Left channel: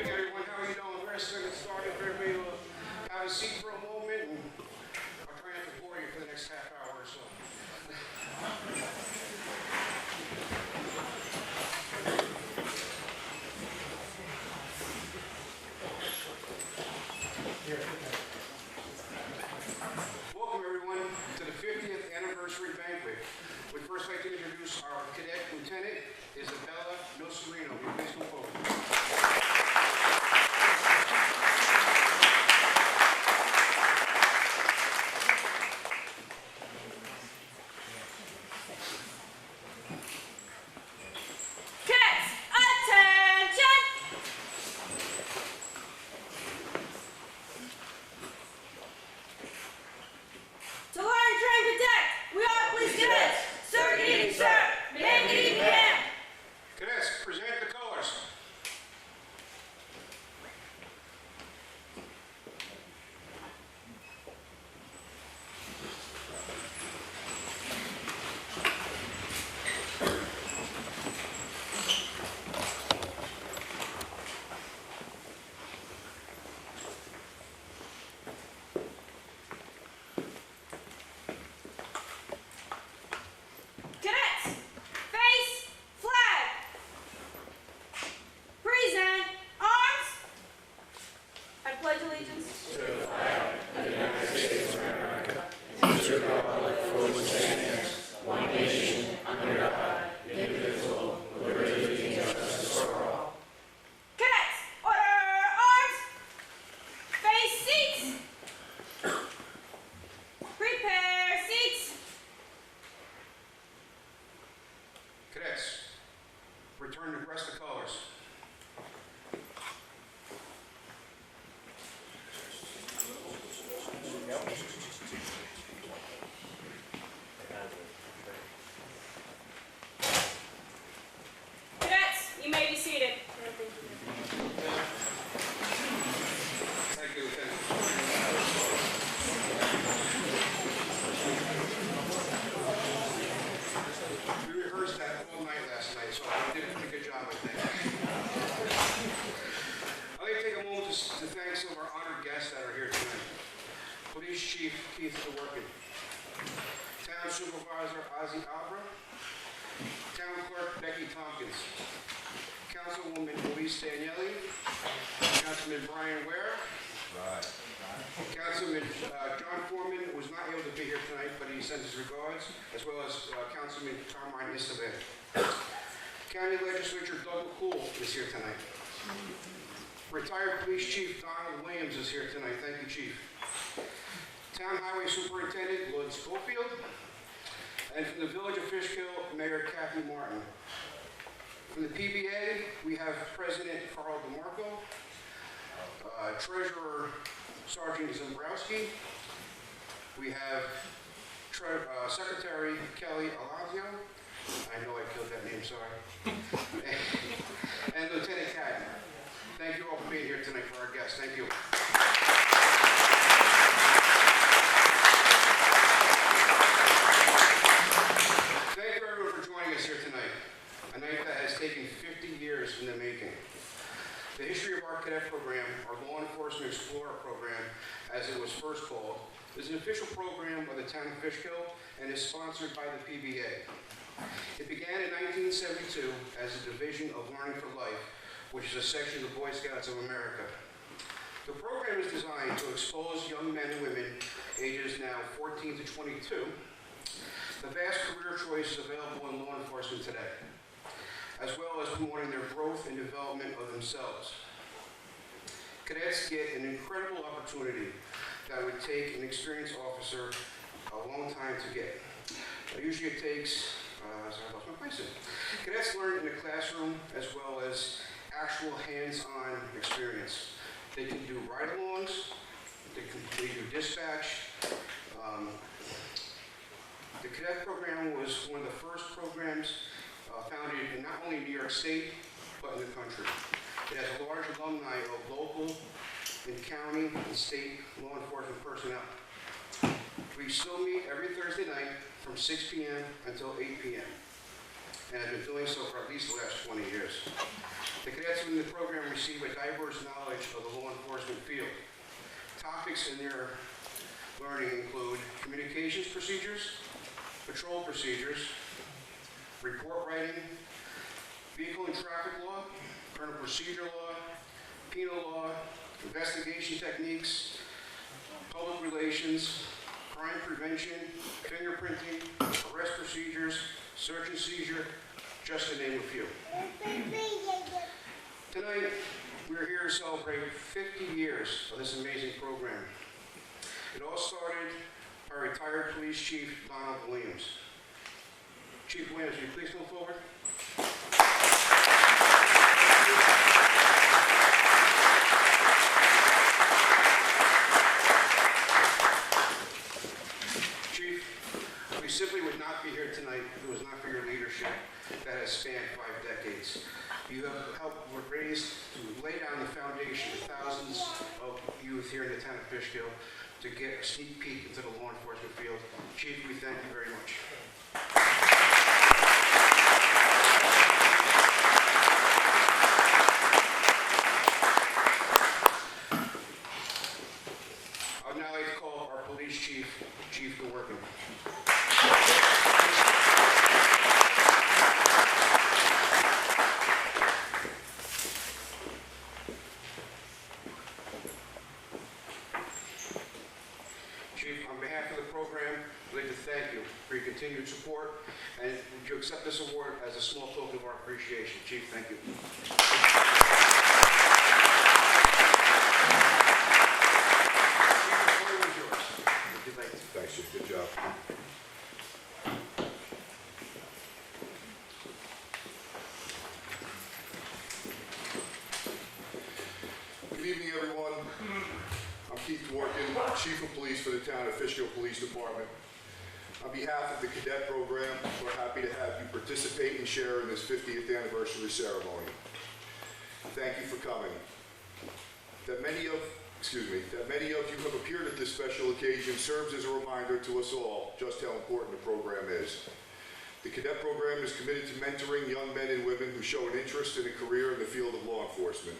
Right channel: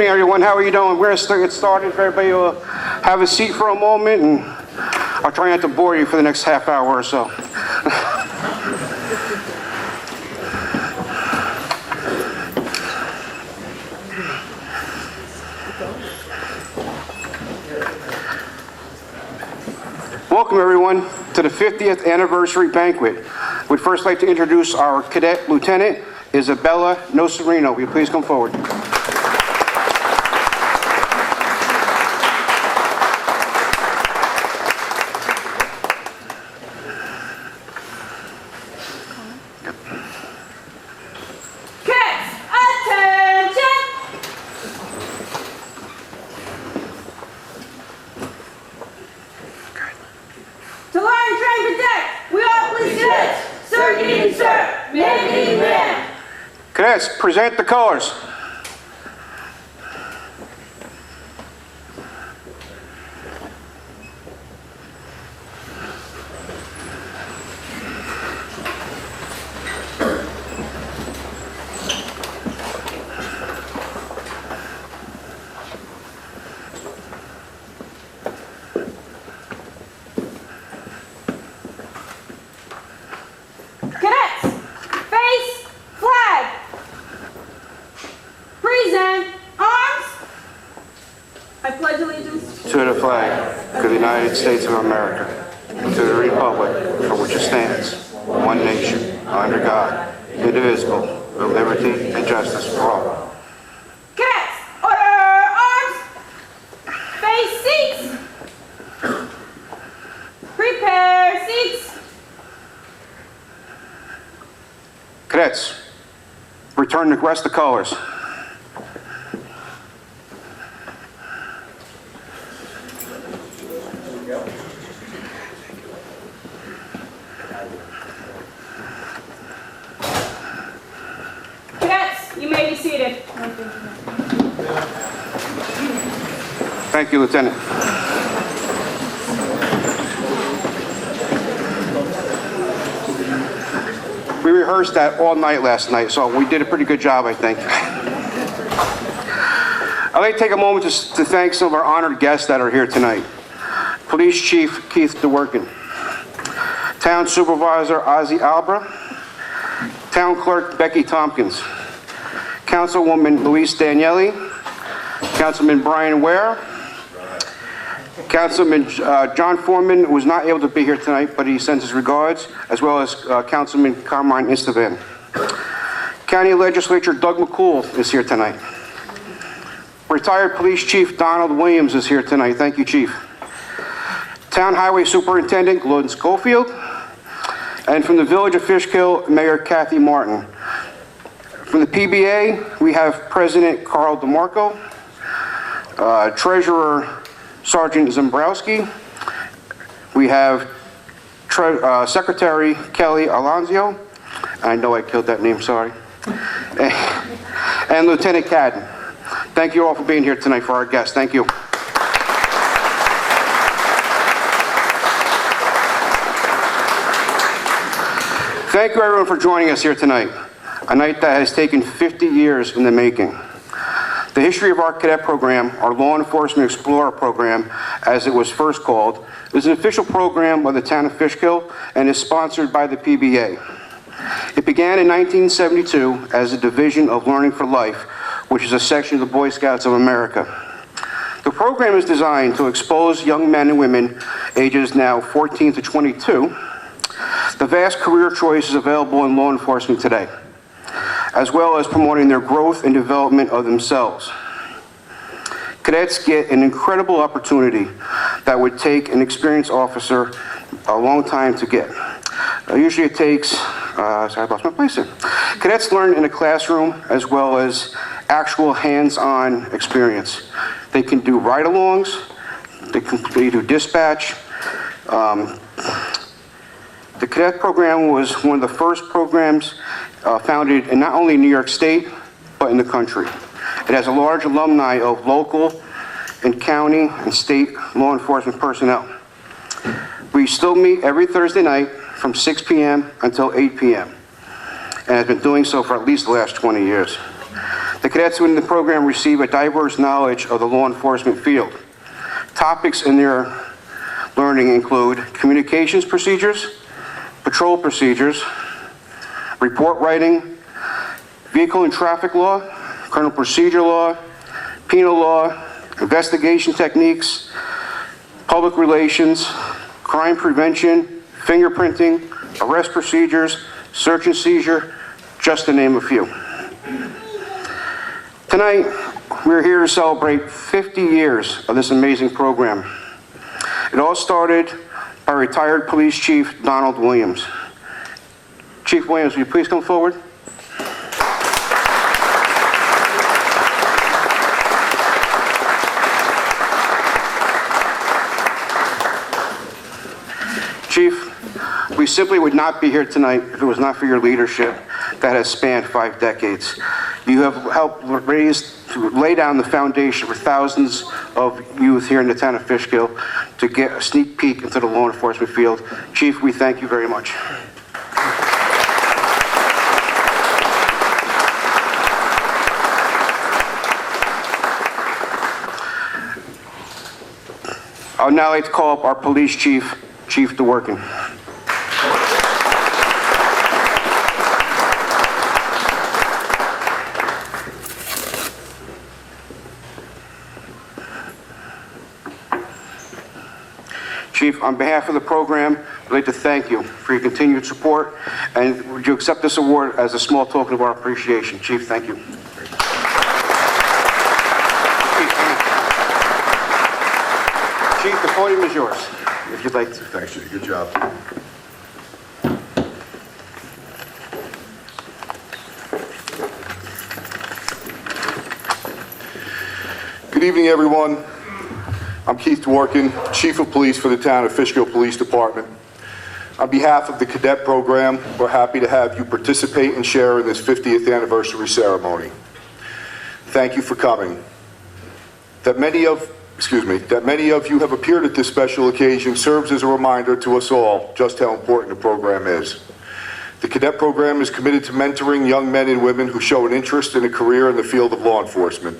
evening, everyone. How are you doing? We're going to get started. If everybody will have a seat for a moment, and I'll try not to bore you for the next half hour or so. Welcome, everyone, to the 50th anniversary banquet. We'd first like to introduce our cadet lieutenant, Isabella Nocerino. Will you please come forward? Cadets, present the colors. To the flag of the United States of America, and to the republic for which it stands, one nation, under God, indivisible, with liberty and justice for all. Cadets, order arms, face seats, prepare seats. Cadets, return the rest of the colors. Thank you, Lieutenant. We rehearsed that all night last night, so we did a pretty good job, I think. I'd like to take a moment to thank some of our honored guests that are here tonight. Police Chief Keith DeWorkin, Town Supervisor Ozzie Albra, Town Clerk Becky Tompkins, Councilwoman Luis Daniele, Councilman Brian Ware, Councilman John Foreman was not able to be here tonight, but he sends his regards, as well as Councilman Carmine Estevan. County Legislature Doug McCool is here tonight. Retired Police Chief Donald Williams is here tonight. Thank you, Chief. Town Highway Superintendent Gordon Schofield. And from the Village of Fishkill, Mayor Kathy Martin. From the PBA, we have President Carl DeMarco, Treasurer Sergeant Zembrowski. We have Secretary Kelly Alonzio. I know I killed that name, sorry. And Lieutenant Cadden. Thank you all for being here tonight for our guests. Thank you. Thank you, everyone, for joining us here tonight. A night that has taken 50 years in the making. The history of our cadet program, our Law Enforcement Explorer program, as it was first called, is an official program of the Town of Fishkill and is sponsored by the PBA. It began in 1972 as a division of Learning for Life, which is a section of the Boy Scouts of America. The program is designed to expose young men and women, ages now 14 to 22, the vast career choices available in law enforcement today, as well as promoting their growth and development of themselves. Cadets get an incredible opportunity that would take an experienced officer a long time to get. Usually it takes, sorry, I lost my place here. Cadets learn in a classroom as well as actual hands-on experience. They can do ride-alongs, they do dispatch. The cadet program was one of the first programs founded in not only New York State, but in the country. It has a large alumni of local and county and state law enforcement personnel. We still meet every Thursday night from 6 p.m. until 8 p.m. and has been doing so for at least the last 20 years. The cadets within the program receive a diverse knowledge of the law enforcement field. Topics in their learning include communications procedures, patrol procedures, report writing, vehicle and traffic law, criminal procedure law, penal law, investigation techniques, public relations, crime prevention, fingerprinting, arrest procedures, search and seizure, just to name a few. Tonight, we're here to celebrate 50 years of this amazing program. It all started by retired police chief Donald Williams. Chief Williams, will you please come forward? Chief, we simply would not be here tonight if it was not for your leadership that has spanned 5 decades. You have helped lay down the foundation for thousands of youth here in the town of Fishkill to get a sneak peek into the law enforcement field. Chief, we thank you very much. I would now like to call up our police chief, Chief DeWorkin. Chief, on behalf of the program, I'd like to thank you for your continued support, and would you accept this award as a small token of our appreciation? Chief, thank you. Chief, the podium is yours, if you'd like to. Thanks, Jay. Good job. Good evening, everyone. I'm Keith Dworkin, Chief of Police for the Town of Fishkill Police Department. On behalf of the cadet program, we're happy to have you participate and share in this 50th anniversary ceremony. Thank you for coming. That many of you have appeared at this special occasion serves as a reminder to us all just how important the program is. The cadet program is committed to mentoring young men and women who show an interest in a career in the field of law enforcement.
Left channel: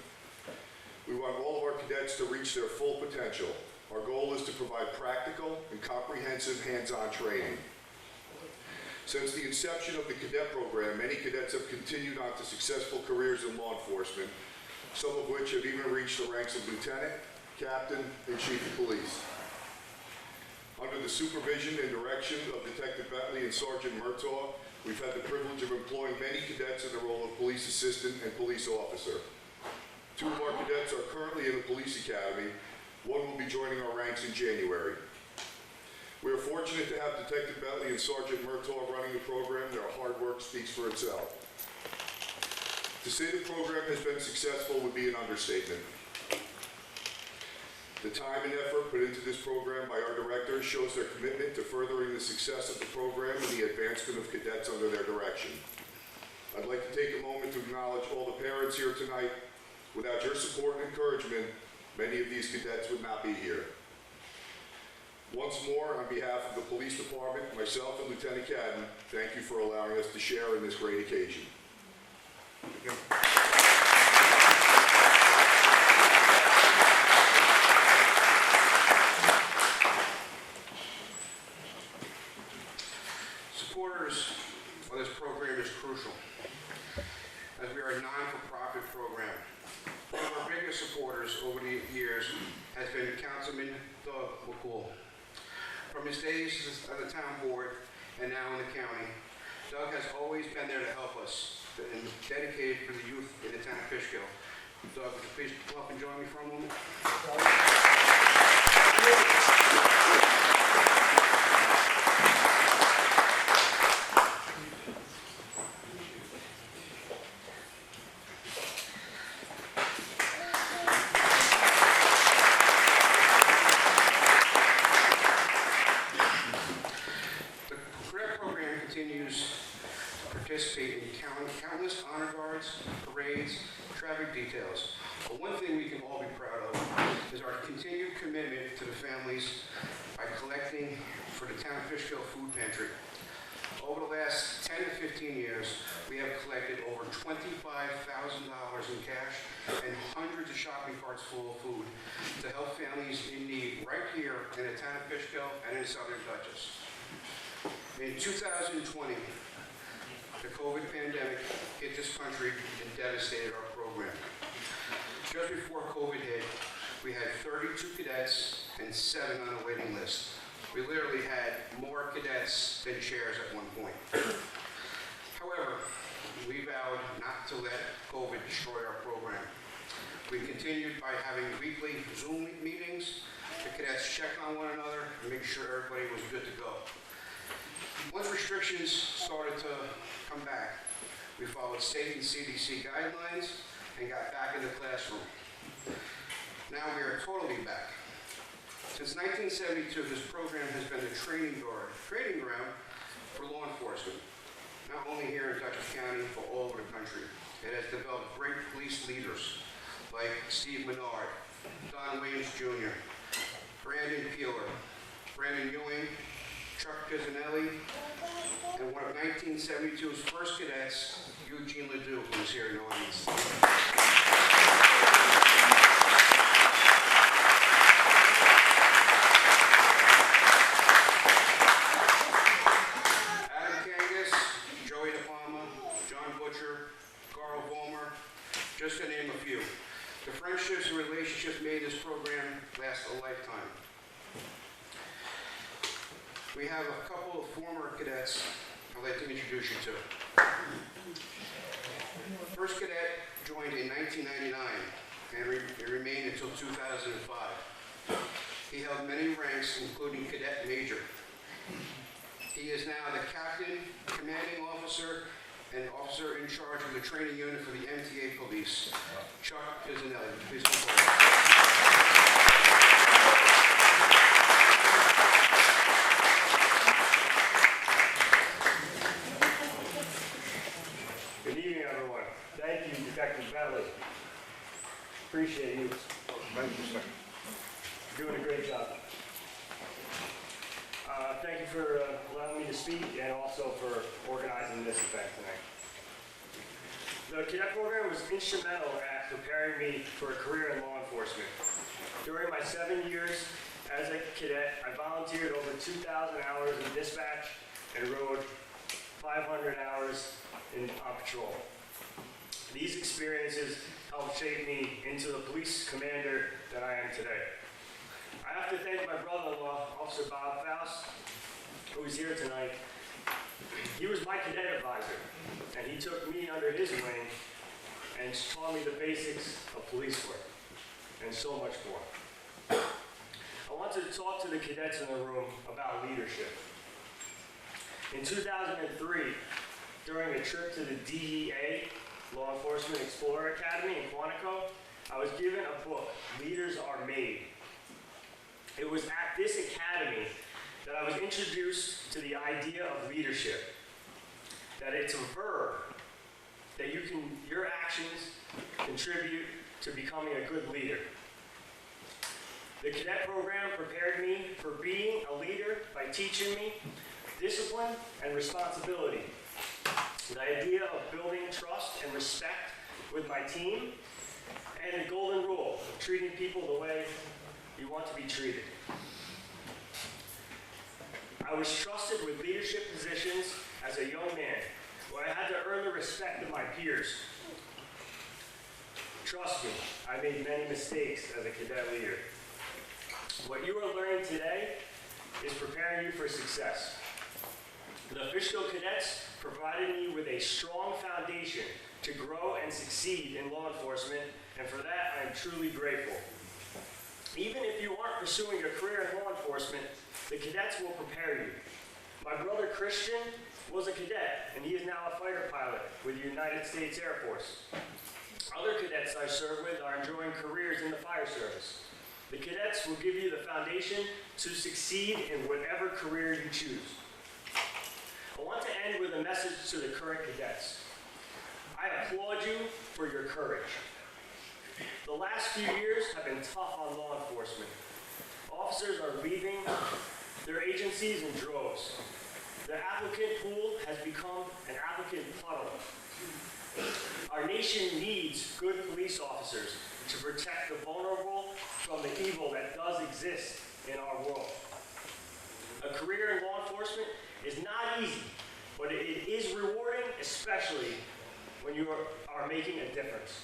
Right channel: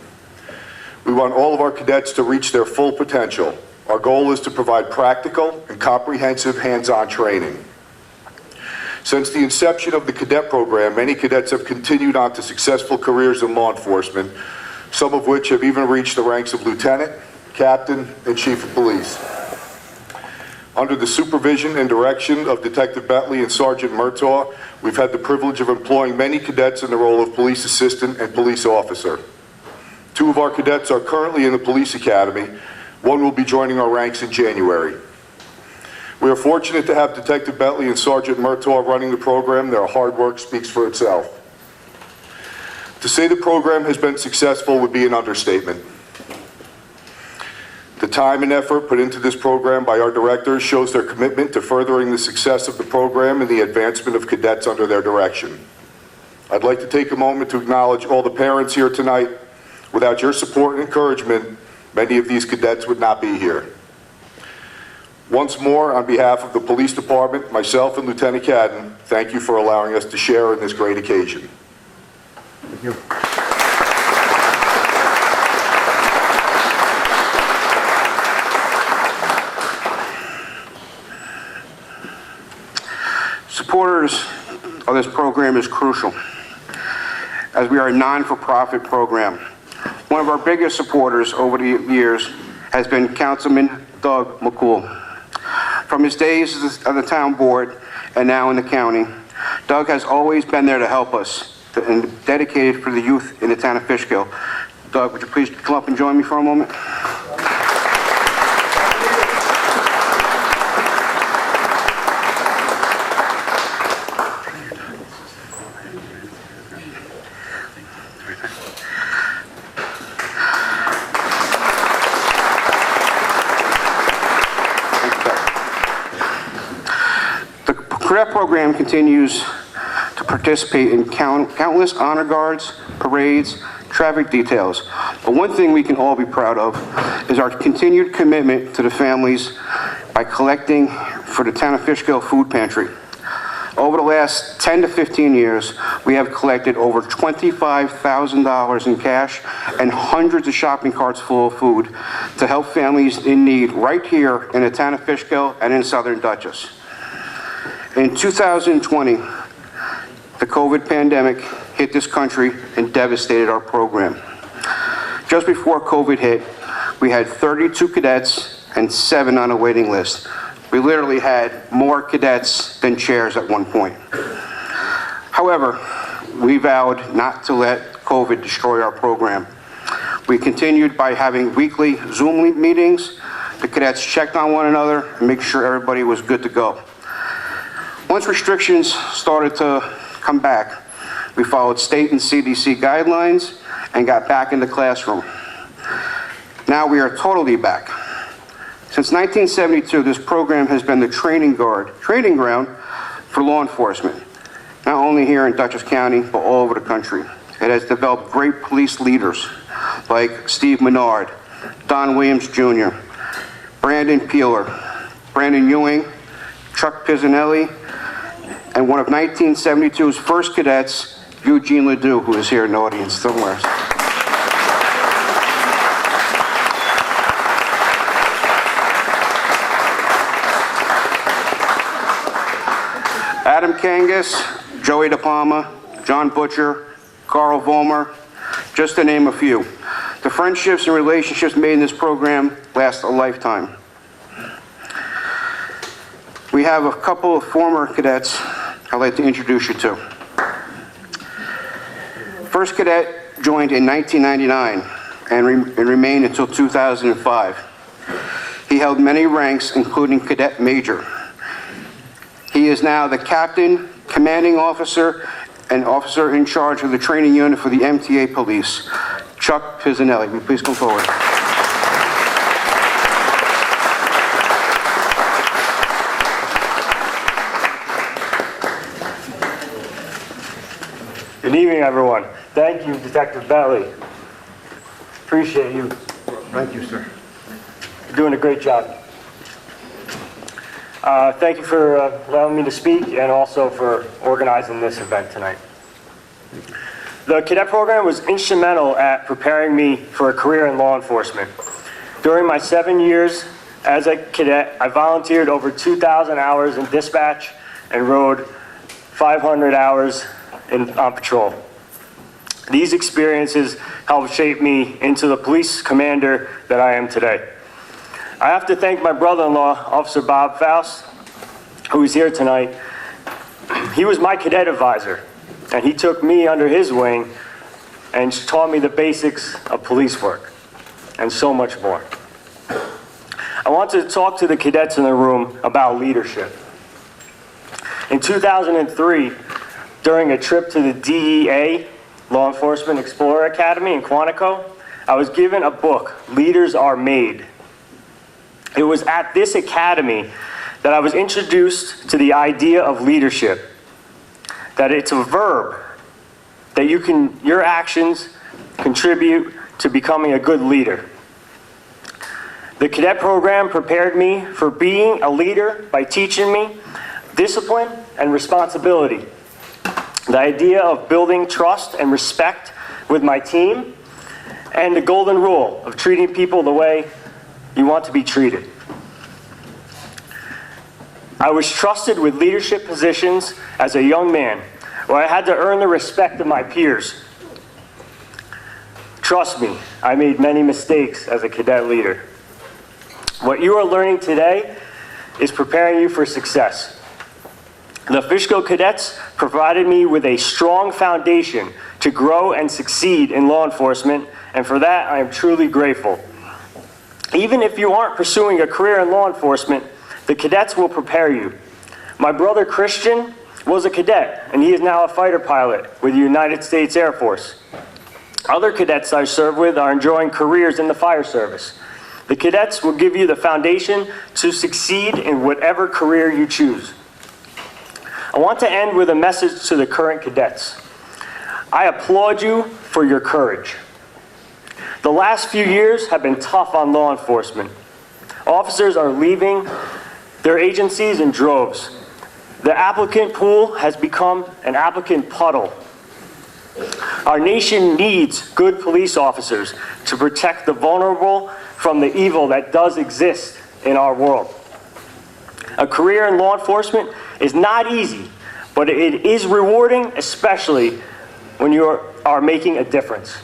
We want all of our cadets to reach their full potential. Our goal is to provide practical and comprehensive hands-on training. Since the inception of the cadet program, many cadets have continued on to successful careers in law enforcement, some of which have even reached the ranks of lieutenant, captain, and chief of police. Under the supervision and direction of Detective Bentley and Sergeant Murtaugh, we've had the privilege of employing many cadets in the role of police assistant and police officer. 2 of our cadets are currently in the police academy. 1 will be joining our ranks in January. We are fortunate to have Detective Bentley and Sergeant Murtaugh running the program. Their hard work speaks for itself. To say the program has been successful would be an understatement. The time and effort put into this program by our directors shows their commitment to furthering the success of the program and the advancement of cadets under their direction. I'd like to take a moment to acknowledge all the parents here tonight. Without your support and encouragement, many of these cadets would not be here. Once more, on behalf of the police department, myself and Lieutenant Cadden, thank you for allowing us to share in this great occasion. Thank you. Supporters of this program is crucial, as we are a non-for-profit program. One of our biggest supporters over the years has been Councilman Doug McCool. From his days on the town board and now in the county, Doug has always been there to help us and dedicated for the youth in the town of Fishkill. Doug, would you please come up and join me for a moment? The cadet program continues to participate in countless honor guards, parades, traffic details. But one thing we can all be proud of is our continued commitment to the families by collecting for the Town of Fishkill Food Pantry. Over the last 10 to 15 years, we have collected over $25,000 in cash and hundreds of shopping carts full of food to help families in need right here in the town of Fishkill and in Southern Dutchess. In 2020, the COVID pandemic hit this country and devastated our program. Just before COVID hit, we had 32 cadets and 7 on a waiting list. We literally had more cadets than chairs at one point. However, we vowed not to let COVID destroy our program. We continued by having weekly Zoom meetings. The cadets checked on one another and make sure everybody was good to go. Once restrictions started to come back, we followed state and CDC guidelines and got back in the classroom. Now we are totally back. Since 1972, this program has been the training ground for law enforcement, not only here in Dutchess County, but all over the country. It has developed great police leaders like Steve Menard, Don Williams Jr., Brandon Peeler, Brandon Ewing, Chuck Pisanelli, and one of 1972's first cadets, Eugene Ledoux, who is here in the audience somewhere. Adam Kangas, Joey DePalma, John Butcher, Carl Vollmer, just to name a few. The friendships and relationships made in this program last a lifetime. We have a couple of former cadets I'd like to introduce you to. First cadet joined in 1999 and remained until 2005. He held many ranks, including cadet major. He is now the captain, commanding officer, and officer in charge of the training unit for the MTA police. Chuck Pisanelli, will you please come forward? Good evening, everyone. Thank you, Detective Bentley. Appreciate you. Thank you, sir. You're doing a great job. Thank you for allowing me to speak and also for organizing this event tonight. The cadet program was instrumental at preparing me for a career in law enforcement. During my 7 years as a cadet, I volunteered over 2,000 hours in dispatch and rode 500 hours on patrol. These experiences helped shape me into the police commander that I am today. I have to thank my brother-in-law, Officer Bob Faust, who is here tonight. He was my cadet advisor, and he took me under his wing and taught me the basics of police work, and so much more. I want to talk to the cadets in the room about leadership. In 2003, during a trip to the DEA, Law Enforcement Explorer Academy in Quantico, I was given a book, Leaders Are Made. It was at this academy that I was introduced to the idea of leadership, that it's a verb, that your actions contribute to becoming a good leader. The cadet program prepared me for being a leader by teaching me discipline and responsibility, the idea of building trust and respect with my team, and the golden rule of treating people the way you want to be treated. I was trusted with leadership positions as a young man, where I had to earn the respect of my peers. Trust me, I made many mistakes as a cadet leader. What you are learning today is preparing you for success. The Fishkill Cadets provided me with a strong foundation to grow and succeed in law enforcement, and for that I am truly grateful. Even if you aren't pursuing a career in law enforcement, the cadets will prepare you. My brother Christian was a cadet, and he is now a fighter pilot with the United States Air Force. Other cadets I serve with are enjoying careers in the fire service. The cadets will give you the foundation to succeed in whatever career you choose. I want to end with a message to the current cadets. I applaud you for your courage. The last few years have been tough on law enforcement. Officers are leaving their agencies in droves. The applicant pool has become an applicant puddle. Our nation needs good police officers to protect the vulnerable from the evil that does exist in our world. A career in law enforcement is not easy, but it is rewarding, especially when you are making a difference.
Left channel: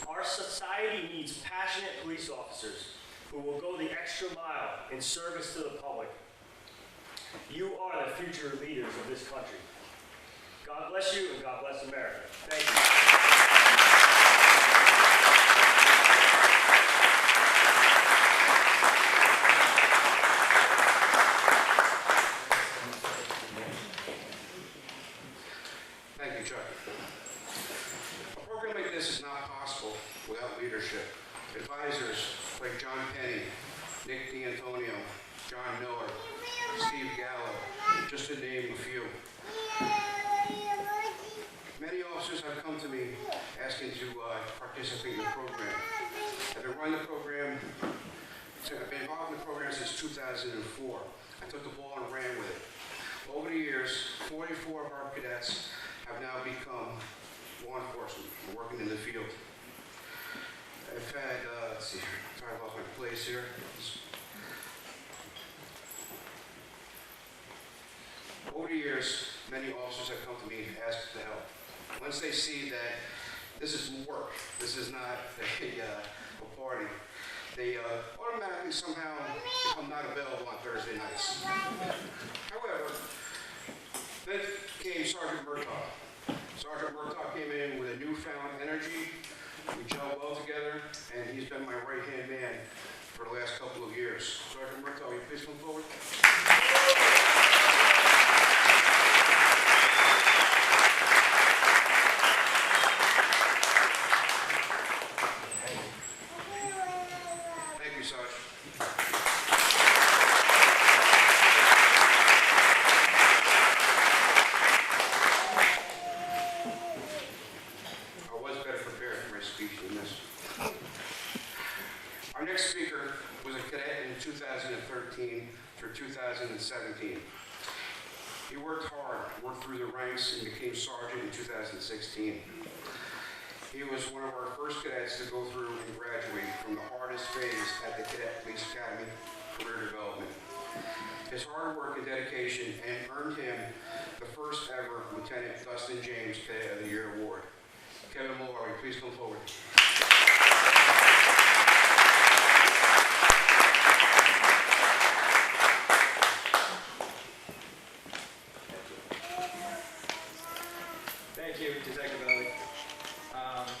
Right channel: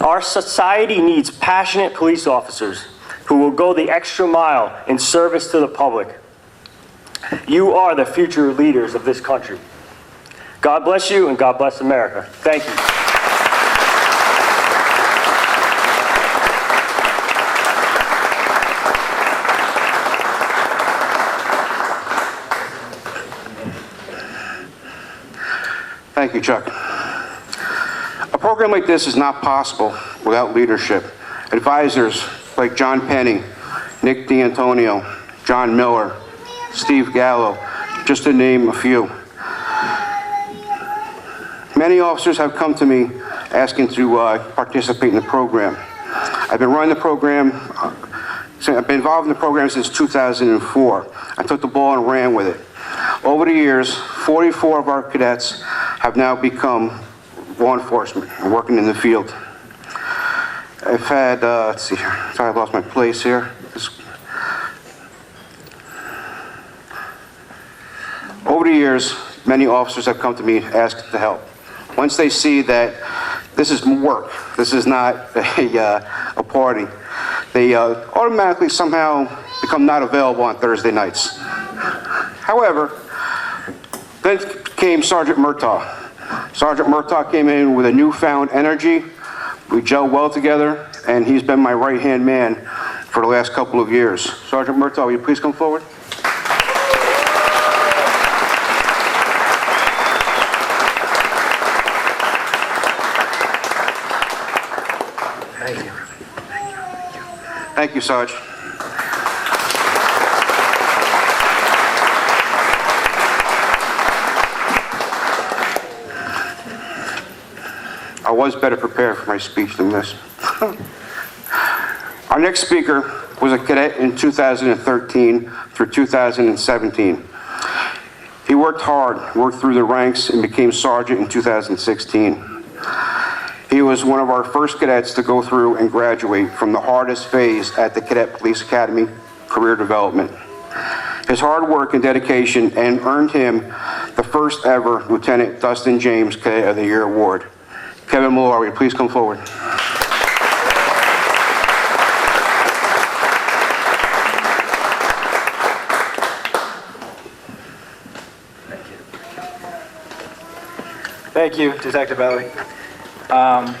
Our society needs passionate police officers who will go the extra mile in service to the public. You are the future leaders of this country. God bless you, and God bless America. Thank you. Thank you, Chuck. A program like this is not possible without leadership. Advisors like John Penny, Nick D'Antonio, John Miller, Steve Gallo, just to name a few. Many officers have come to me asking to participate in the program. I've been running the program, I've been involved in the program since 2004. I took the ball and ran with it. Over the years, 44 of our cadets have now become law enforcement and working in the field. I've had, let's see here, sorry I lost my place here. Over the years, many officers have come to me asking to help. Once they see that this is work, this is not a party, they automatically somehow become not available on Thursday nights. However, then came Sergeant Murtaugh. Sergeant Murtaugh came in with a newfound energy. We gelled well together, and he's been my right-hand man for the last couple of years. Sergeant Murtaugh, will you please come forward? Thank you, Sarge. I was better prepared for my speech than this. Our next speaker was a cadet in 2013 through 2017. He worked hard, worked through the ranks, and became sergeant in 2016. He was one of our first cadets to go through and graduate from the hardest phase at the Cadet Police Academy, career development. His hard work and dedication earned him the first ever Lieutenant Dustin James Cadet of the Year award. Kevin Malloy, will you please come forward? Thank you, Detective Ellie.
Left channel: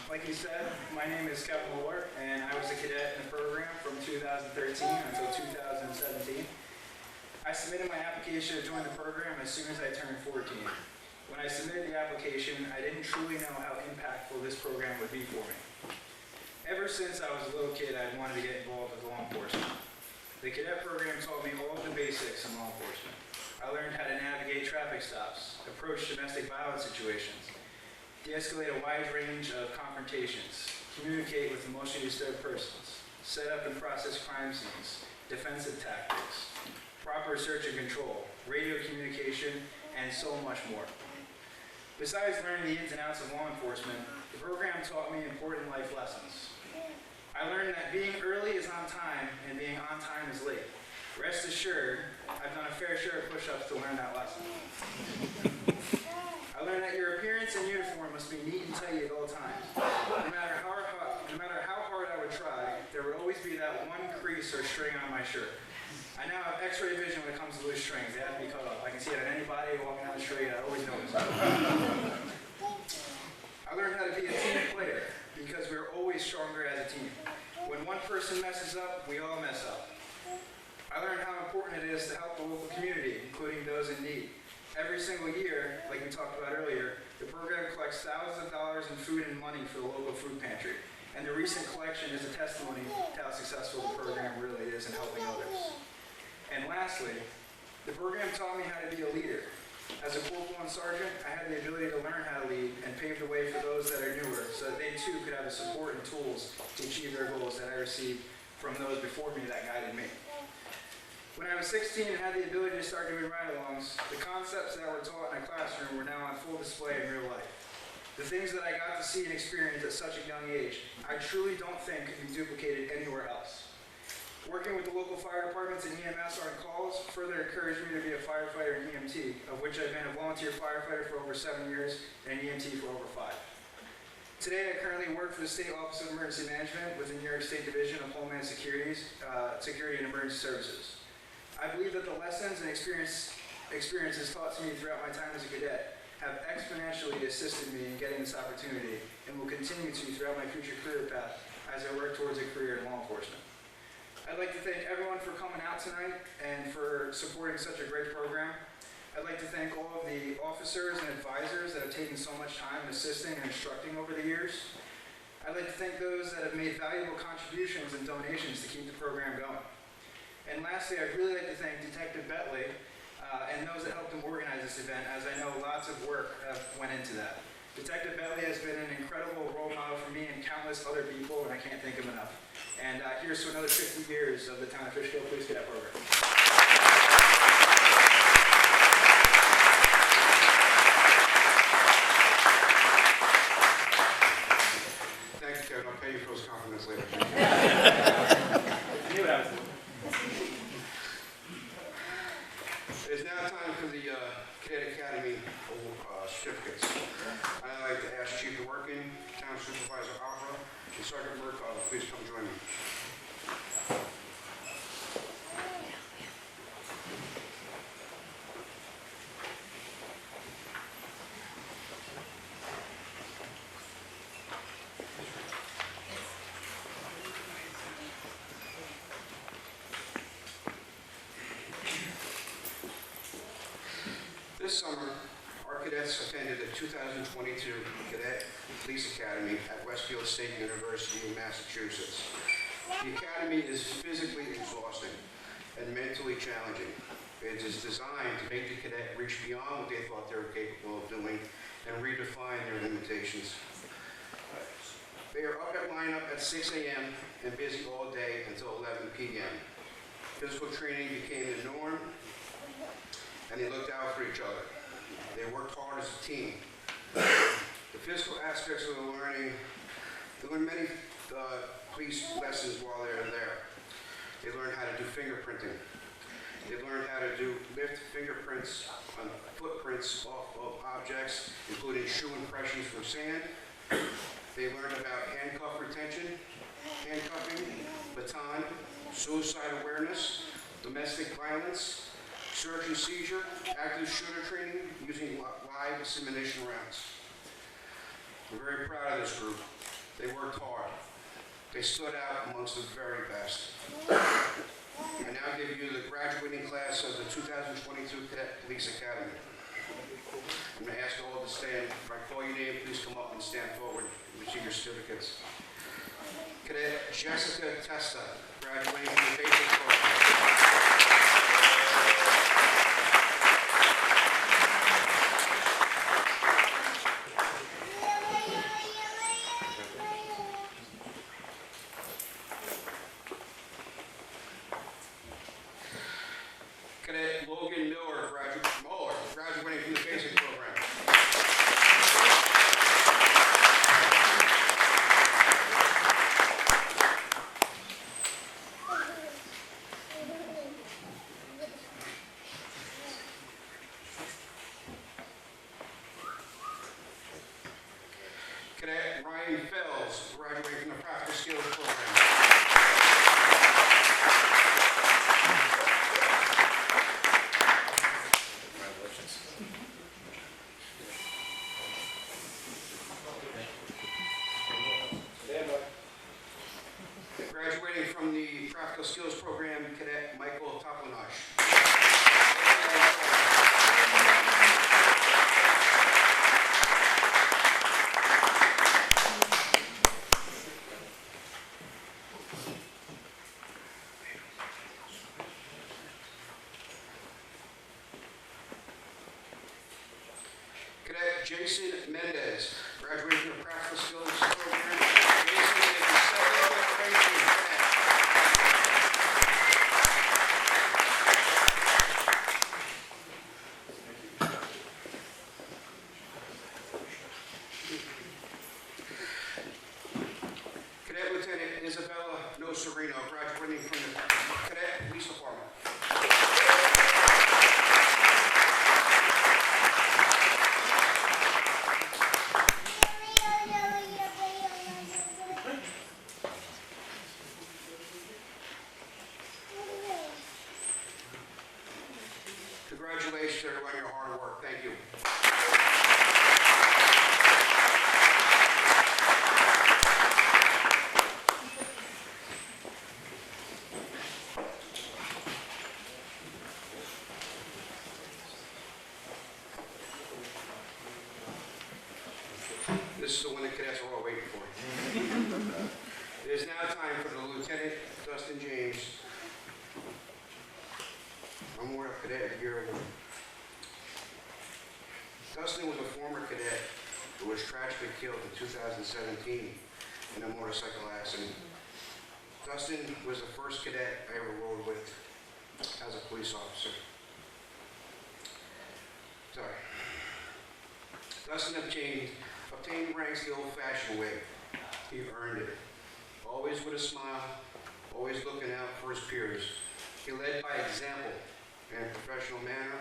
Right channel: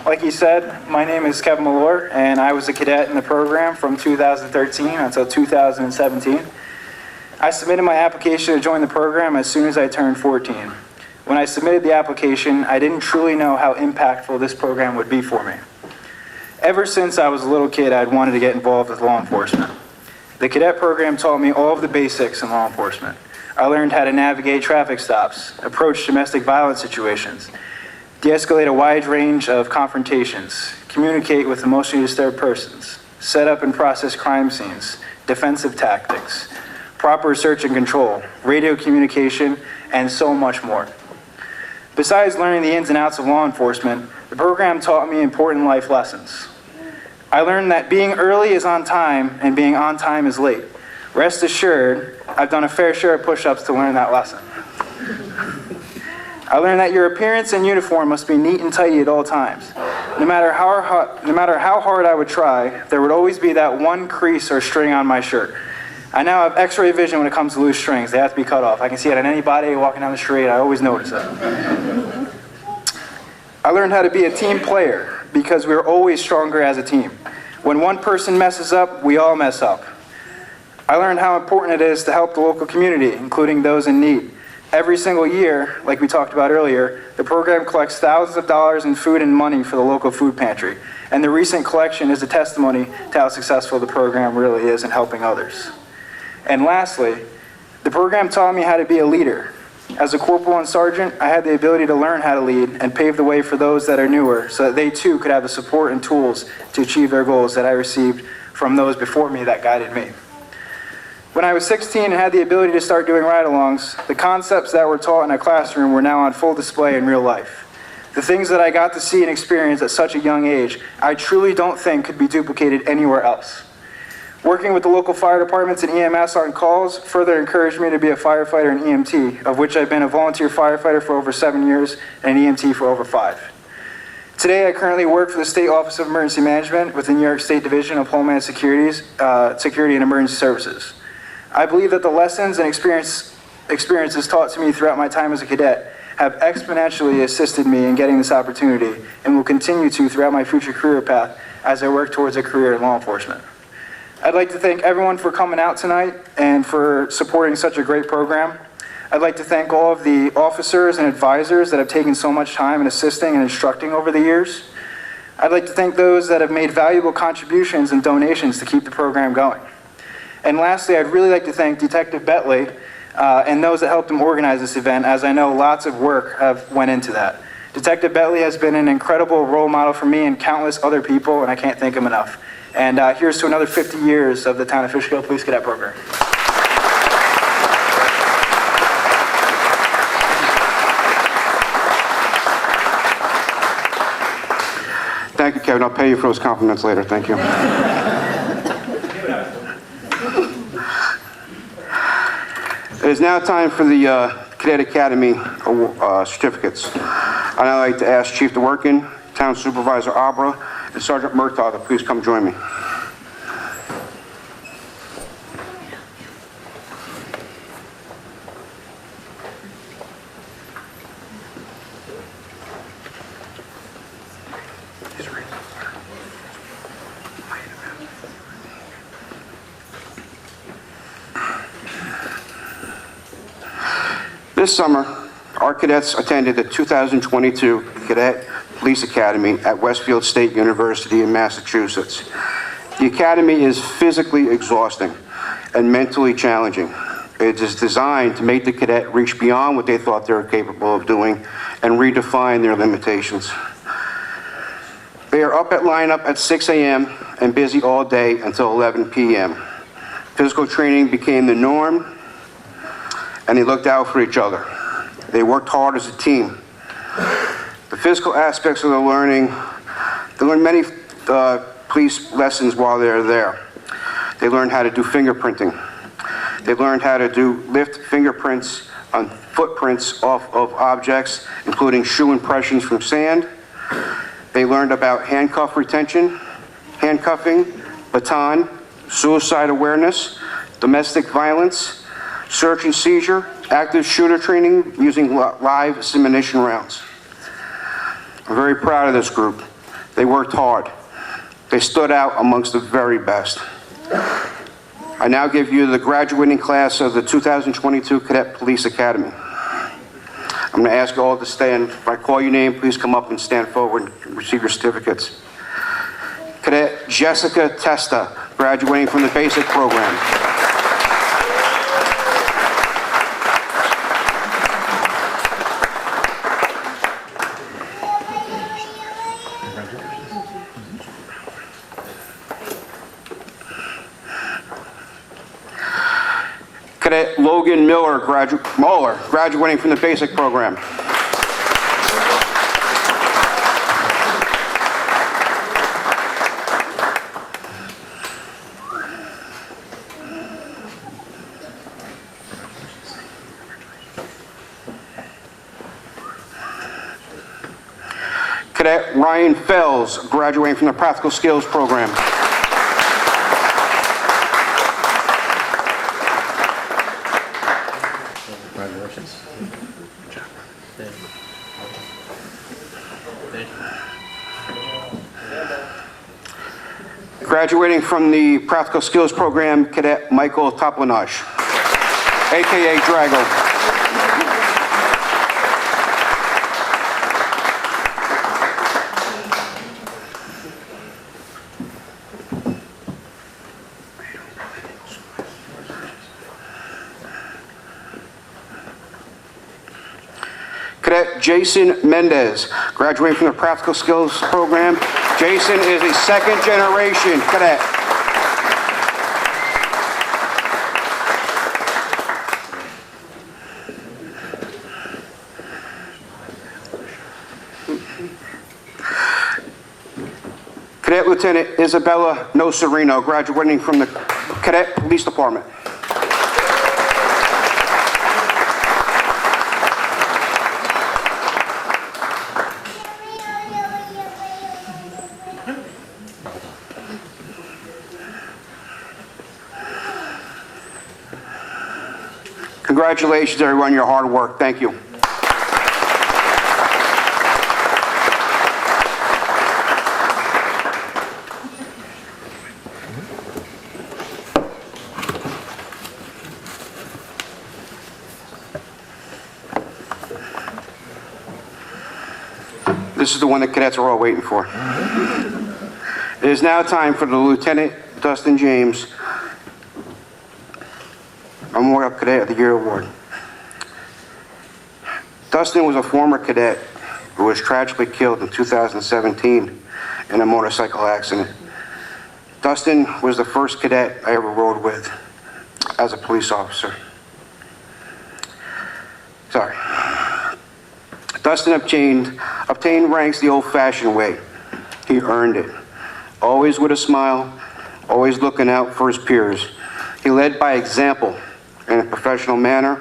Like he said, my name is Kevin Malloy, and I was a cadet in the program from 2013 until 2017. I submitted my application to join the program as soon as I turned 14. When I submitted the application, I didn't truly know how impactful this program would be for me. Ever since I was a little kid, I'd wanted to get involved with law enforcement. The cadet program taught me all of the basics in law enforcement. I learned how to navigate traffic stops, approach domestic violence situations, de-escalate a wide range of confrontations, communicate with emotionally disturbed persons, set up and process crime scenes, defensive tactics, proper search and control, radio communication, and so much more. Besides learning the ins and outs of law enforcement, the program taught me important life lessons. I learned that being early is on time and being on time is late. Rest assured, I've done a fair share of push-ups to learn that lesson. I learned that your appearance and uniform must be neat and tidy at all times. No matter how hard I would try, there would always be that one crease or string on my shirt. I now have X-ray vision when it comes to loose strings. They have to be cut off. I can see it on anybody walking down the street. I always notice it. I learned how to be a team player because we're always stronger as a team. When one person messes up, we all mess up. I learned how important it is to help the local community, including those in need. Every single year, like we talked about earlier, the program collects thousands of dollars in food and money for the local food pantry. And the recent collection is a testimony to how successful the program really is in helping others. And lastly, the program taught me how to be a leader. As a corporal and sergeant, I had the ability to learn how to lead and pave the way for those that are newer so that they too could have the support and tools to achieve their goals that I received from those before me that guided me. When I was 16 and had the ability to start doing ride-alongs, the concepts that were taught in a classroom were now on full display in real life. The things that I got to see and experience at such a young age, I truly don't think could be duplicated anywhere else. Working with the local fire departments and EMS on calls further encouraged me to be a firefighter and EMT, of which I've been a volunteer firefighter for over 7 years and an EMT for over 5. Today, I currently work for the State Office of Emergency Management with the New York State Division of Homeland Security and Emergency Services. I believe that the lessons and experiences taught to me throughout my time as a cadet have exponentially assisted me in getting this opportunity and will continue to throughout my future career path as I work towards a career in law enforcement. I'd like to thank everyone for coming out tonight and for supporting such a great program. I'd like to thank all of the officers and advisors that have taken so much time in assisting and instructing over the years. I'd like to thank those that have made valuable contributions and donations to keep the program going. And lastly, I'd really like to thank Detective Bentley and those that helped him organize this event, as I know lots of work went into that. Detective Bentley has been an incredible role model for me and countless other people, and I can't thank him enough. And here's to another 50 years of the Town of Fishkill Police Cadet Program. Thank you, Kevin. I'll pay you for those compliments later. Thank you. It is now time for the Cadet Academy certificates. I'd now like to ask Chief DeWorkin, Town Supervisor Abra, and Sergeant Murtaugh to please come join me. This summer, our cadets attended the 2022 Cadet Police Academy at Westfield State University in Massachusetts. The academy is physically exhausting and mentally challenging. It is designed to make the cadet reach beyond what they thought they were capable of doing and redefine their limitations. They are up at lineup at 6 a.m. and busy all day until 11 p.m. Physical training became the norm, and they looked out for each other. They worked hard as a team. The physical aspects of the learning, they learned many police lessons while they were there. They learned how to do fingerprinting. They learned how to lift fingerprints on footprints off of objects, including shoe impressions from sand. They learned about handcuff retention, handcuffing, baton, suicide awareness, domestic violence, search and seizure, active shooter training using live ammunition rounds. I'm very proud of this group. They worked hard. They stood out amongst the very best. I now give you the graduating class of the 2022 Cadet Police Academy. I'm going to ask you all to stand. If I call your name, please come up and stand forward and receive your certificates. Cadet Jessica Testa, graduating from the basic program. Cadet Logan Mueller, graduating from the basic program. Cadet Ryan Fells, graduating from the practical skills program. Graduating from the Practical Skills Program, Cadet Michael Toplanage, a.k.a. Drago. Cadet Jason Mendez, graduating from the Practical Skills Program. Jason is a second-generation cadet. Cadet Lieutenant Isabella Nocerino, graduating from the Cadet Police Department. Congratulations, everyone, on your hard work. Thank you. This is the one that cadets are all waiting for. It is now time for the Lieutenant Dustin James Memorial Cadet of the Year Award. Dustin was a former cadet who was tragically killed in 2017 in a motorcycle accident. Dustin was the first cadet I ever rode with as a police officer. Sorry. Dustin obtained ranks the old-fashioned way. He earned it. Always with a smile, always looking out for his peers. He led by example in a professional manner.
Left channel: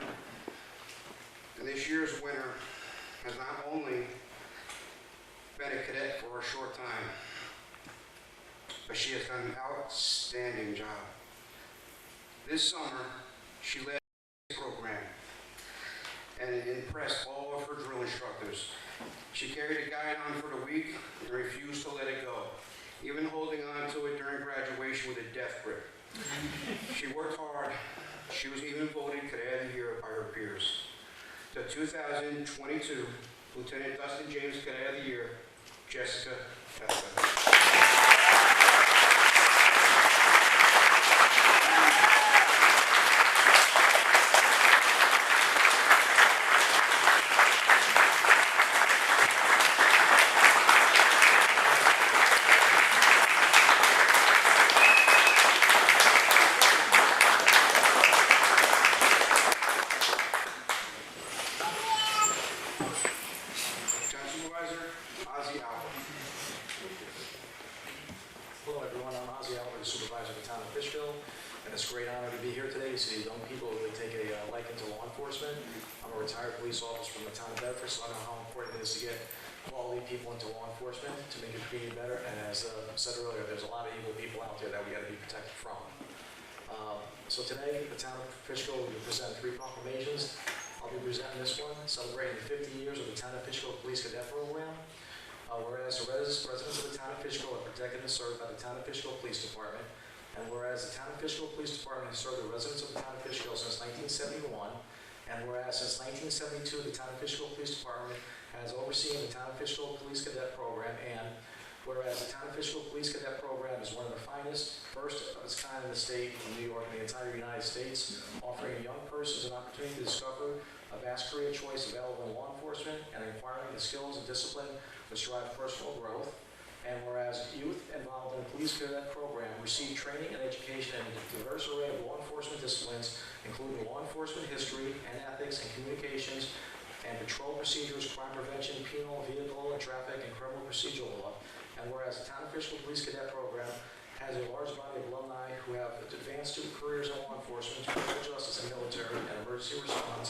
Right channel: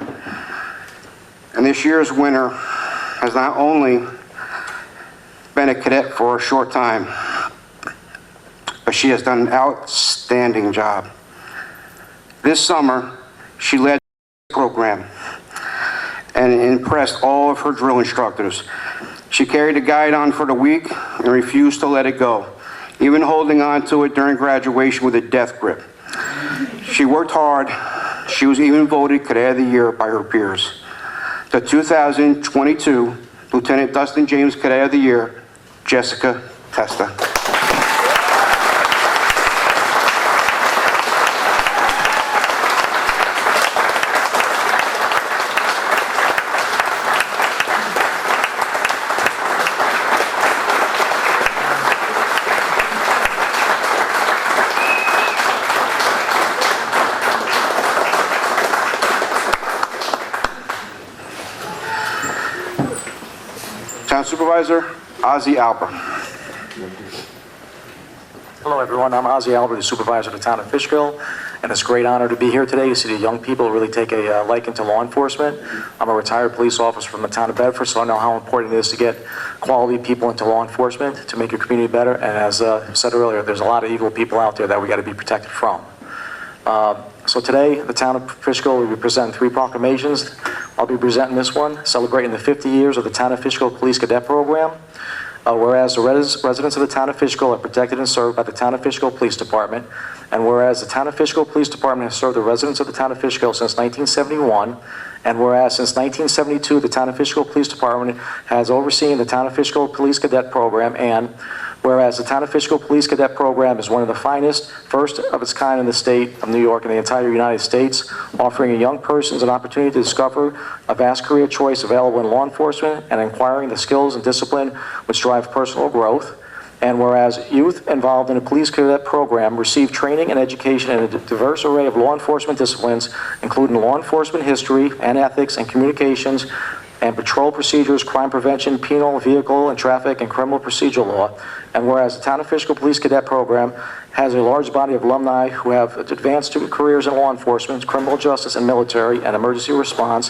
And this year's winner has not only been a cadet for a short time, but she has done an outstanding job. This summer, she led the program and impressed all of her drill instructors. She carried the guide on for the week and refused to let it go, even holding on to it during graduation with a death grip. She worked hard. She was even voted Cadet of the Year by her peers. The 2022 Lieutenant Dustin James Cadet of the Year, Jessica Testa. Town Supervisor, Ozzie Alper. Hello, everyone. I'm Ozzie Alper, the supervisor of the Town of Fishkill, and it's a great honor to be here today to see the young people really take a liking to law enforcement. I'm a retired police officer from the town of Bedford, so I know how important it is to get quality people into law enforcement to make your community better. And as said earlier, there's a lot of evil people out there that we got to be protected from. So today, the Town of Fishkill will be presenting 3 proclamations. I'll be presenting this one, celebrating the 50 years of the Town of Fishkill Police Cadet Program. Whereas the residents of the Town of Fishkill are protected and served by the Town of Fishkill Police Department, and whereas the Town of Fishkill Police Department has served the residents of the Town of Fishkill since 1971, and whereas since 1972 the Town of Fishkill Police Department has overseen the Town of Fishkill Police Cadet Program, and whereas the Town of Fishkill Police Cadet Program is one of the finest, first of its kind in the state of New York and the entire United States, offering young persons an opportunity to discover a vast career choice available in law enforcement and acquiring the skills and discipline which drive personal growth. And whereas youth involved in a police cadet program receive training and education in a diverse array of law enforcement disciplines, including law enforcement history and ethics and communications, and patrol procedures, crime prevention, penal, vehicle, and traffic, and criminal procedural law. And whereas the Town of Fishkill Police Cadet Program has a large body of alumni who have advanced careers in law enforcement, criminal justice, and military, and emergency response.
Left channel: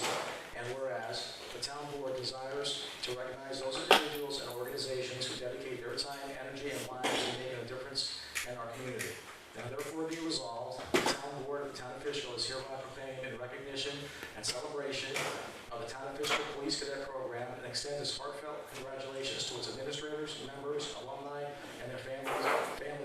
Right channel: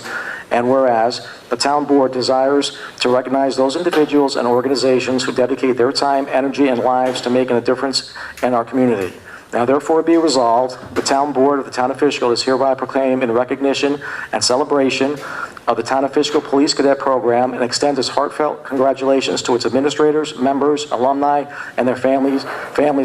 And whereas the Town Board desires to recognize those individuals and organizations who dedicate their time, energy, and lives to making a difference in our community. Now therefore be resolved, the Town Board of the Town of Fishkill is hereby proclaimed in recognition and celebration of the Town of Fishkill Police Cadet Program and extends its heartfelt congratulations to its administrators, members, alumni, and their families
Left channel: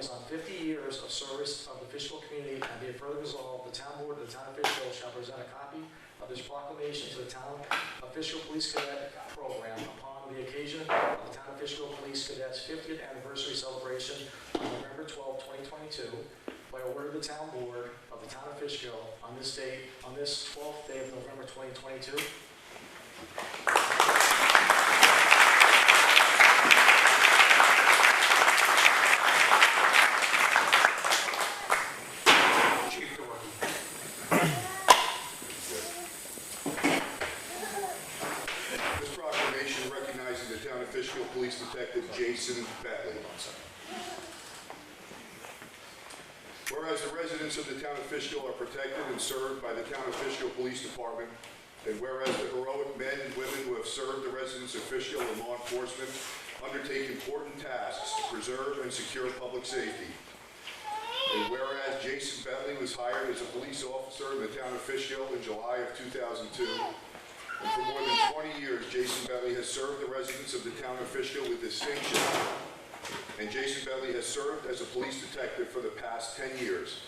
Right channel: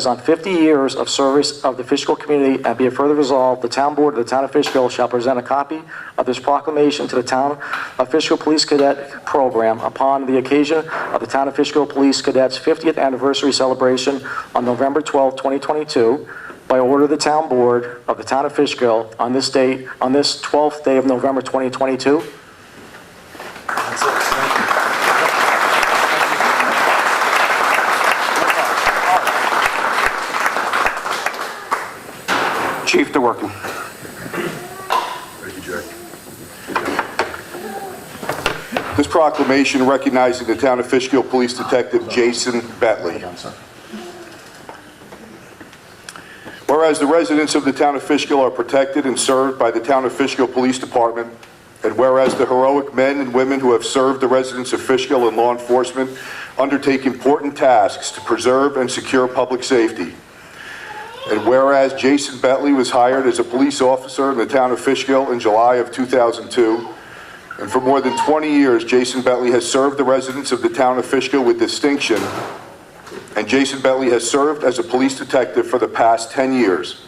on 50 years of service of the Fishkill community. And be it further resolved, the Town Board of the Town of Fishkill shall present a copy of this proclamation to the Town of Fishkill Police Cadet Program upon the occasion of the Town of Fishkill Police Cadets 50th anniversary celebration on November 12, 2022. By order of the Town Board of the Town of Fishkill on this date, on this 12th day of November 2022. Chief DeWorkin. Thank you, Jack. This proclamation recognizing the Town of Fishkill Police Detective Jason Bentley. Whereas the residents of the Town of Fishkill are protected and served by the Town of Fishkill Police Department, and whereas the heroic men and women who have served the residents of Fishkill and law enforcement undertake important tasks to preserve and secure public safety, and whereas Jason Bentley was hired as a police officer in the Town of Fishkill in July of 2002, and for more than 20 years, Jason Bentley has served the residents of the Town of Fishkill with distinction, and Jason Bentley has served as a police detective for the past 10 years.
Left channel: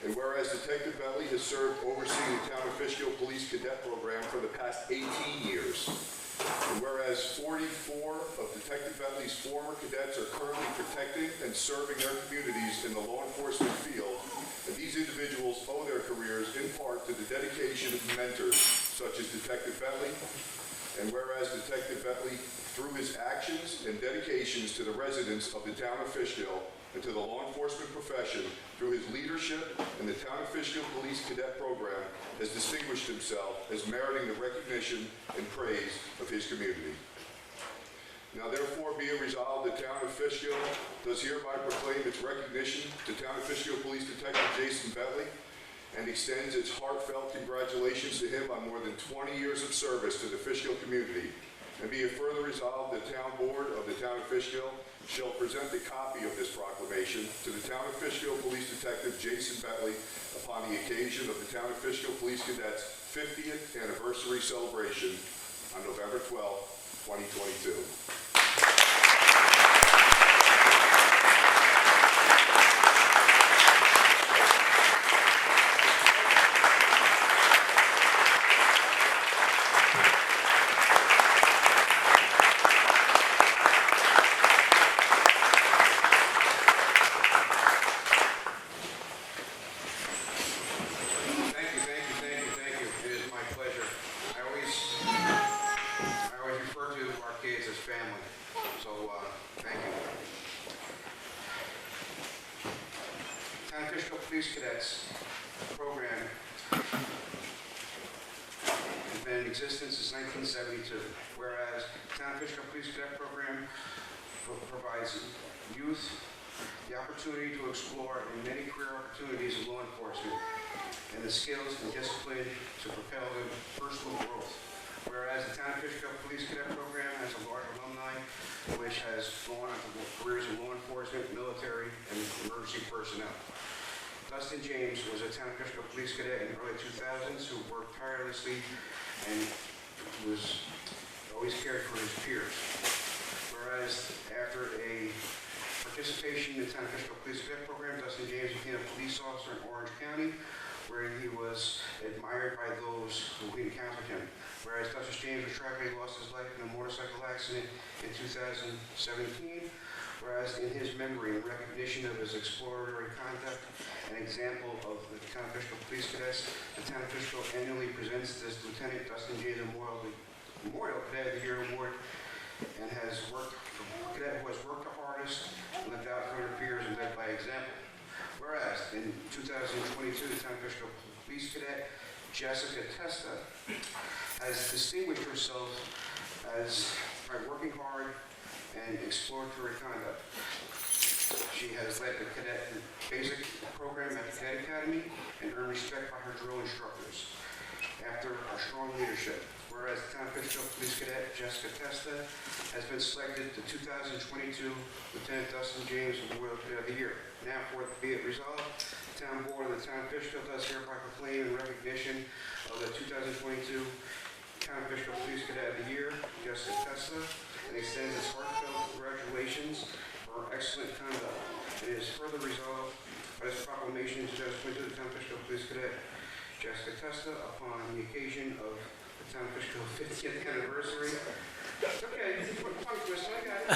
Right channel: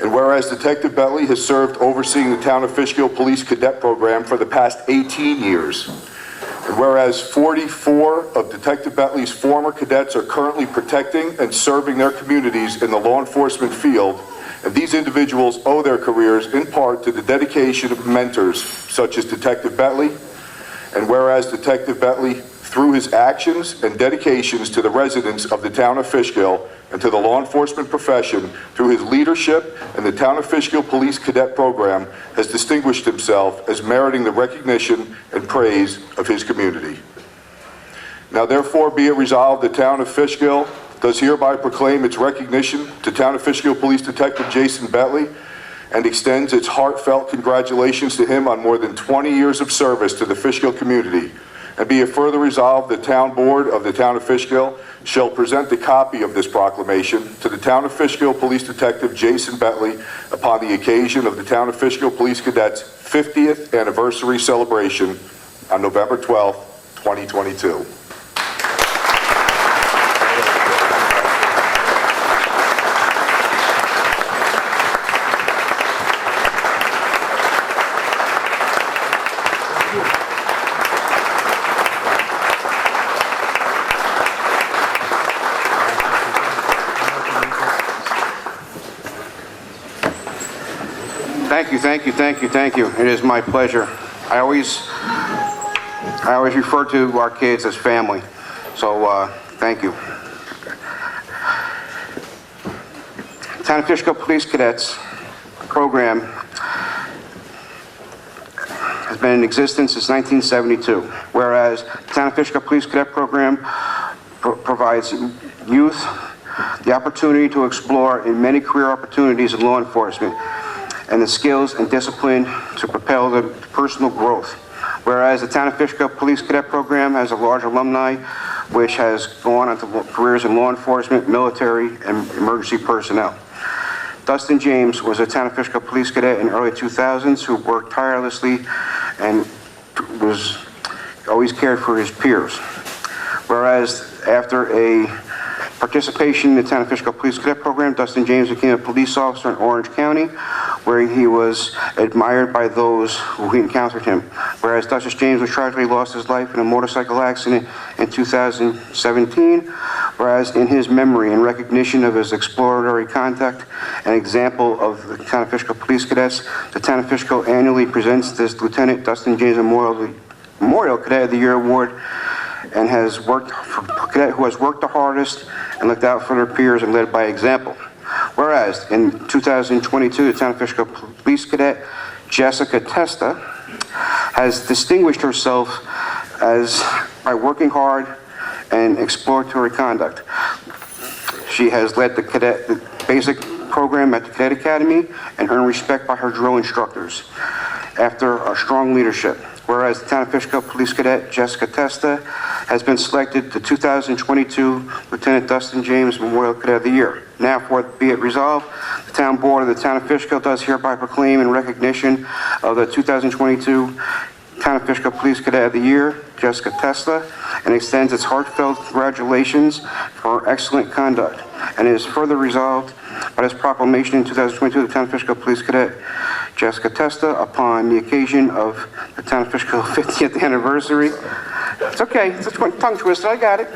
And whereas Detective Bentley has served overseeing the Town of Fishkill Police Cadet Program for the past 18 years, and whereas 44 of Detective Bentley's former cadets are currently protecting and serving their communities in the law enforcement field, and these individuals owe their careers in part to the dedication of mentors such as Detective Bentley, and whereas Detective Bentley, through his actions and dedications to the residents of the Town of Fishkill and to the law enforcement profession, through his leadership in the Town of Fishkill Police Cadet Program, has distinguished himself as meriting the recognition and praise of his community. Now therefore be it resolved, the Town of Fishkill does hereby proclaim its recognition to Town of Fishkill Police Detective Jason Bentley and extends its heartfelt congratulations to him on more than 20 years of service to the Fishkill community. And be it further resolved, the Town Board of the Town of Fishkill shall present a copy of this proclamation to the Town of Fishkill Police Detective Jason Bentley upon the occasion of the Town of Fishkill Police Cadets' 50th anniversary celebration on November 12th, 2022. Thank you. It is my pleasure. I always refer to our kids as family, so thank you. Town of Fishkill Police Cadets program has been in existence since 1972, whereas the Town of Fishkill Police Cadet program provides youth the opportunity to explore in many career opportunities in law enforcement and the skills and discipline to propel their personal growth. Whereas the Town of Fishkill Police Cadet Program has a large alumni which has gone on to careers in law enforcement, military, and emergency personnel. Dustin James was a Town of Fishkill Police Cadet in the early 2000s who worked tirelessly and was always cared for his peers. Whereas after a participation in the Town of Fishkill Police Cadet Program, Dustin James became a police officer in Orange County, where he was admired by those who encountered him. Whereas Dustin James was tragically lost his life in a motorcycle accident in 2017, whereas in his memory and recognition of his exploratory conduct and example of the Town of Fishkill Police Cadets, the Town of Fishkill annually presents this Lieutenant Dustin James Memorial Cadet of the Year Award, and has worked for cadet who has worked the hardest and looked out for their peers and led by example. Whereas in 2022, the Town of Fishkill Police Cadet Jessica Testa has distinguished herself by working hard and exploratory conduct. She has led the basic program at the Cadet Academy and earned respect by her drill instructors after a strong leadership. Whereas the Town of Fishkill Police Cadet Jessica Testa has been selected the 2022 Lieutenant Dustin James Memorial Cadet of the Year. Now, for be it resolved, the Town Board of the Town of Fishkill does hereby proclaim in recognition of the 2022 Town of Fishkill Police Cadet of the Year, Jessica Testa, and extends its heartfelt congratulations for her excellent conduct. And it is further resolved by this proclamation in 2022, the Town of Fishkill Police Cadet Jessica Testa, upon the occasion of the Town of Fishkill 50th anniversary. It's okay, it's a tongue twister, I got it.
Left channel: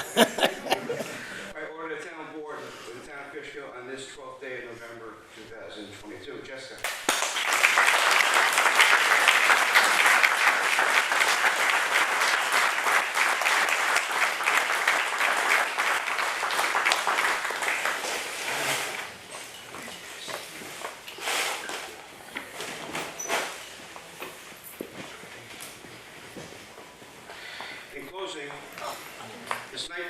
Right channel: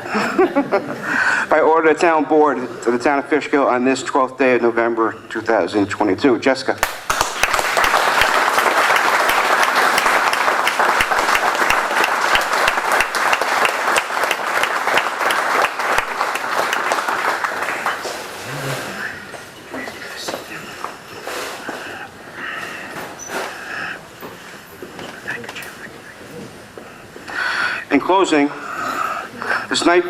By order of the Town Board of the Town of Fishkill on this 12th day of November 2022. Jessica. In closing, this night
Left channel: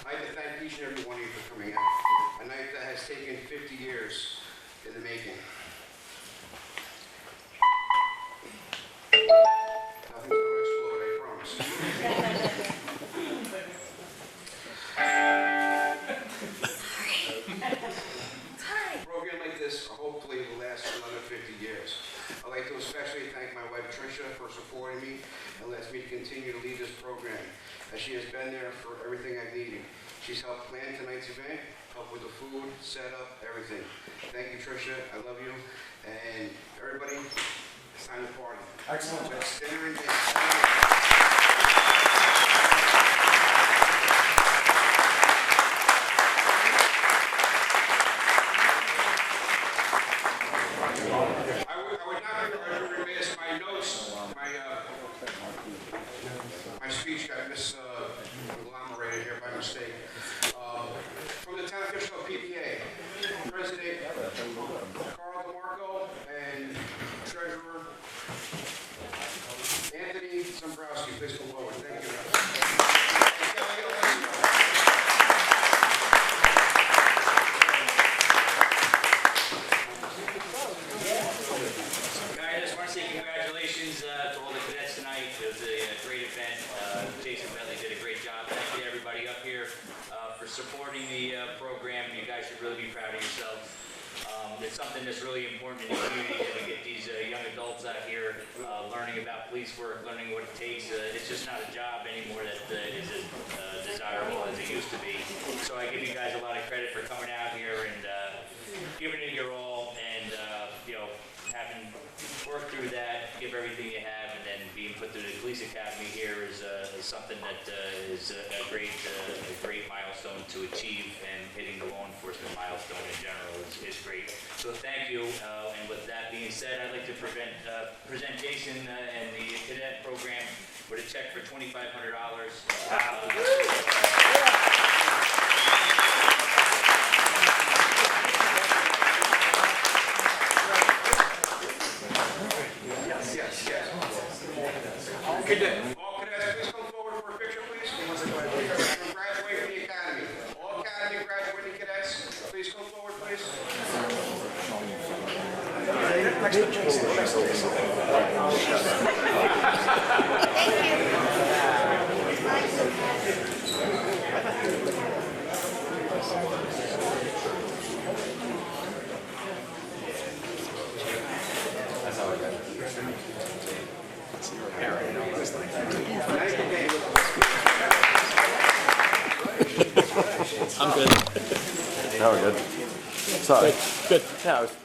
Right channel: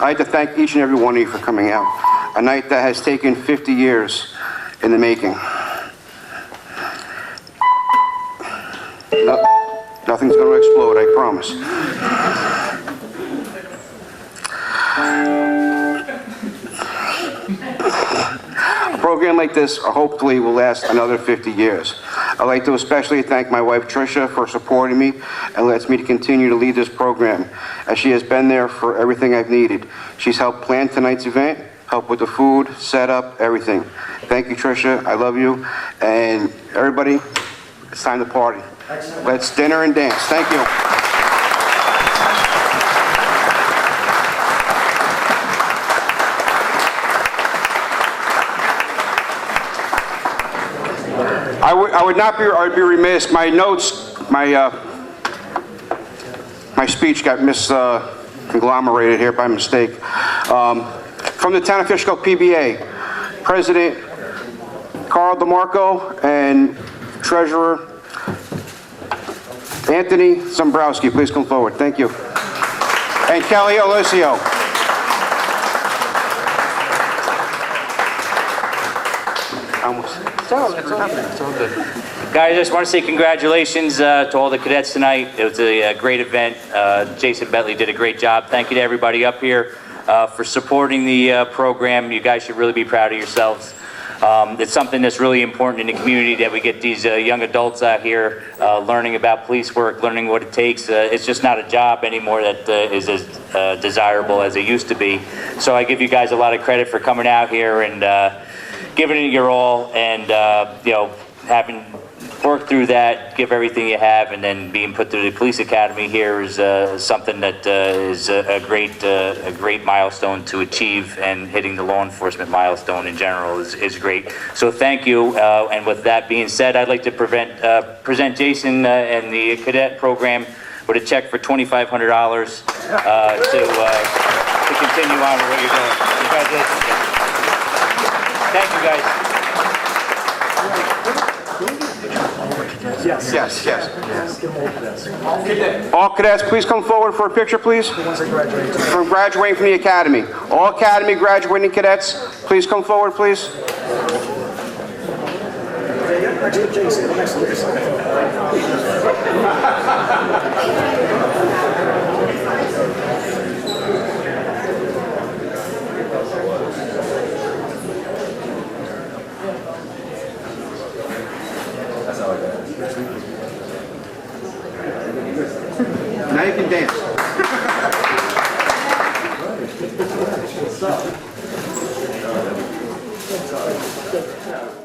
I'd like to thank each and every one of you for coming out. A night that has taken 50 years in the making. Nothing's going to explode, I promise. A program like this hopefully will last another 50 years. I'd like to especially thank my wife Tricia for supporting me and lets me to continue to lead this program, as she has been there for everything I've needed. She's helped plan tonight's event, helped with the food, setup, everything. Thank you, Tricia. I love you. And everybody, it's time to party. Let's dinner and dance. Thank you. I'd be remiss. My notes, my speech got conglomerated here by mistake. From the Town of Fishkill PBA, President Carl DeMarco and Treasurer Anthony Zombrowski, please come forward. Thank you. And Kelly Alessio. Guys, I just want to say congratulations to all the cadets tonight. It was a great event. Jason Bentley did a great job. Thank you to everybody up here for supporting the program. You guys should really be proud of yourselves. It's something that's really important in the community, that we get these young adults out here learning about police work, learning what it takes. It's just not a job anymore that is as desirable as it used to be. So I give you guys a lot of credit for coming out here and giving it your all, and you know, having worked through that, give everything you have, and then being put through the police academy here is something that is a great milestone to achieve, and hitting the law enforcement milestone in general is great. So thank you. And with that being said, I'd like to present Jason and the cadet program with a check for $2,500 to continue on with what you're doing. Congratulations. Thank you, guys. Yes. All cadets, please come forward for a picture, please. From graduating from the academy. All academy graduating cadets, please come forward, please. Now you can dance. Sorry.